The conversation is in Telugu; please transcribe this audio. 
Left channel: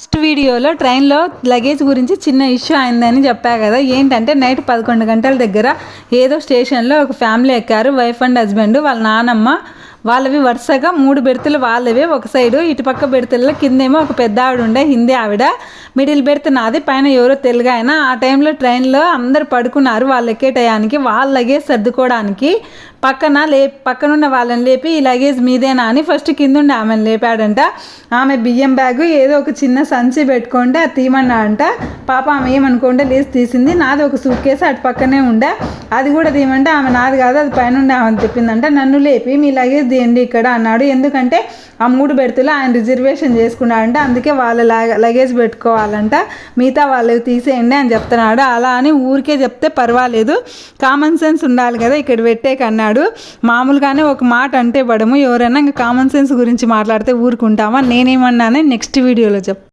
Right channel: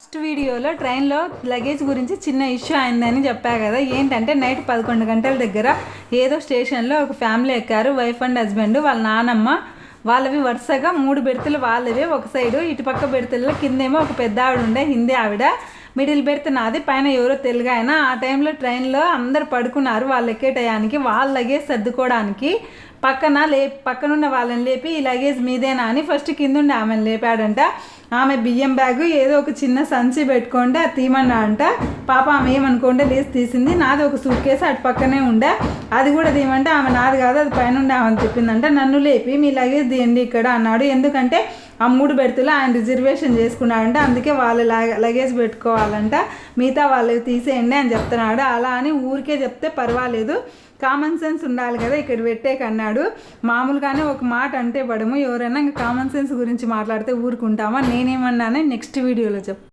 ఫస్ట్ వీడియోలో ట్రైన్లో లగేజ్ గురించి చిన్న ఇష్యూ అయిందని చెప్పా కదా. ఏంటంటే నైట్ 11 గంటల దగ్గర ఏదో స్టేషన్లో ఒక ఫ్యామిలీ ఎక్కారు. వైఫ్ అండ్ హస్బెండ్, వాళ్ళ నానమ్మ. వాళ్ళవి వరుసగా 3 బెర్తులు వాళ్ళవి ఒక సైడు, ఇటుపక్క బెర్తుల్లో కిందేమో ఒక పెద్ద ఆవిడ ఉండే, హిందీ ఆవిడ. మిడిల్ బెర్త్ నాది, పైన ఎవరో తెలుగు ఆయన. ఆ టైంలో ట్రైన్లో అందరు పడుకున్నారు. వాళ్ళు ఎక్కే టయానికి వాళ్ళ లగేజ్ సర్దుకోవడానికి పక్కనున్న వాళ్ళని లేపి ఈ లగేజ్ మీదేనా అని ఫస్ట్ కిందుండి ఆమెను లేపాడంట. ఆమె బియ్యం బ్యాగు ఏదో ఒక చిన్న సంచి పెట్టుకుంటే అది తీయమన్నాడంట. పాప ఆమె ఏమనుకుంటే లేచి తీసింది. నాది ఒక సూట్ కేసు అటు పక్కనే ఉండే, అది కూడా తీయమంటే ఆమె నాది కాదు అది పైన ఉండే ఆమెను చెప్పిందంట. నన్ను లేపి మీ లగేజ్ తీయండి ఇక్కడ అన్నాడు. ఎందుకంటే ఆ 3 బెర్తులు ఆయన రిజర్వేషన్ చేసుకున్నాడంట, అందుకే వాళ్ళ లగేజ్ పెట్టుకోవాలంట, మిగతా వాళ్ళవి తీసేయండి అని చెప్తున్నాడు. అలా అని ఊరికే చెప్తే పర్వాలేదు, కామన్ సెన్స్ ఉండాలి కదా ఇక్కడ పెట్టేకన్నాడు. మామూలుగానే ఒక మాట అంటే పడము, ఎవరైనా ఇంకా కామన్ సెన్స్ గురించి మాట్లాడితే ఊరుకుంటామా? నేనేమన్నానే నెక్స్ట్ వీడియోలో